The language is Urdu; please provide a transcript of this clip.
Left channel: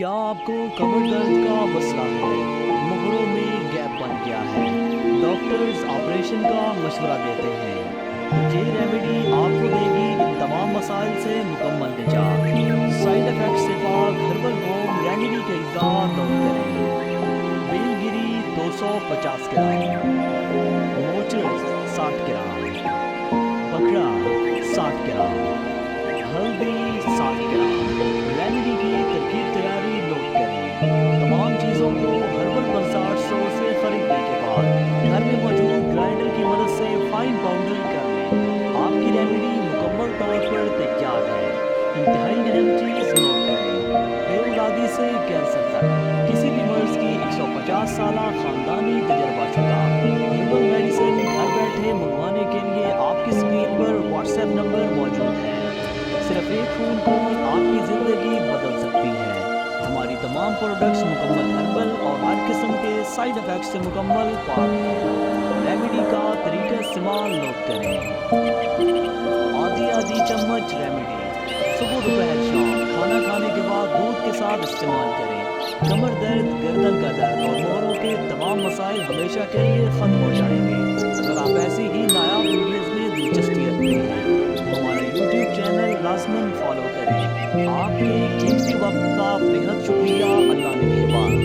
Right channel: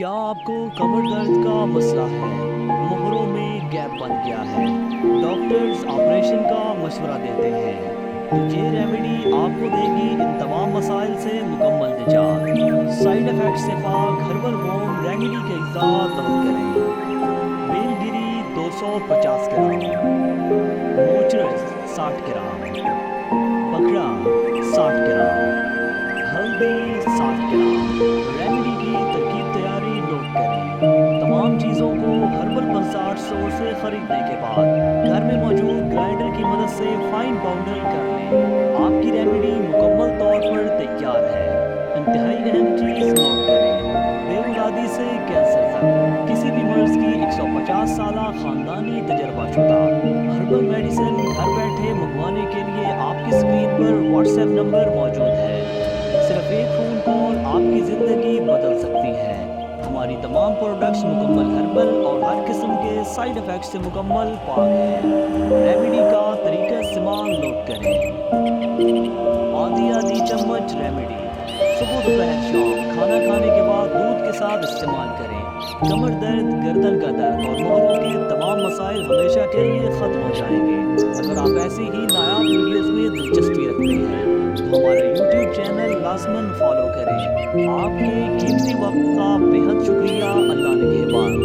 کیا آپ کو کمر درد کا مسئلہ ہے؟ مہروں میں گیپ بن گیا ہے؟ ڈاکٹرز آپریشن کا مشورہ دیتے ہیں؟ تو یہ ریمیڈی آپ کو دے گی ان تمام مسائل سے مکمل نجات۔ سائیڈ افیکٹ سے پاک ہربل ہوم ریمیڈی کے اجزاء نوٹ کریں۔ بیل گری 250 گرام، موچرس 60 گرام، بکرا 60 گرام، ہلدی 60 گرام۔ ریمیڈی کی ترکیب تیاری نوٹ کریں۔ تمام چیزوں کو ہربل کنسارٹ اسٹور سے خریدنے کے بعد گھر میں موجود گرائنڈر کی مدد سے فائن پاؤڈر کر لیں۔ آپ کی ریمیڈی مکمل طور پر تیار ہے۔ انتہائی اہم چیز نوٹ کریں، بے اولادی سے کینسر تک کسی بھی مرض کی 150 سالہ خاندانی تجربہ شدہ ہربل میڈیسن گھر بیٹھے منگوانے کے لیے آپ کی اسکرین پر واٹس ایپ نمبر موجود ہے۔ صرف ایک فون کال آپ کی زندگی بدل سکتی ہے۔ ہماری تمام پروڈکٹس مکمل ہربل اور ہر قسم کے سائیڈ افیکٹ سے مکمل پاک ہیں۔ ریمیڈی کا طریقہ استعمال نوٹ کریں۔ آدھی چمچ ریمیڈی صبح دوپہر شام کھانا کھانے کے بعد دودھ کے ساتھ استعمال کریں۔ کمر درد، گردن کا درد اور مہروں کے تمام مسائل ہمیشہ کے لیے ختم ہو جائیں گے۔ اگر آپ ایسی ہی نایاب ویڈیوز میں دلچسپی رکھتے ہیں تو ہمارا یوٹیوب چینل لازماً فالو کریں۔ آپ کے قیمتی وقت کا بے حد شکریہ۔ اللہ نگہبان۔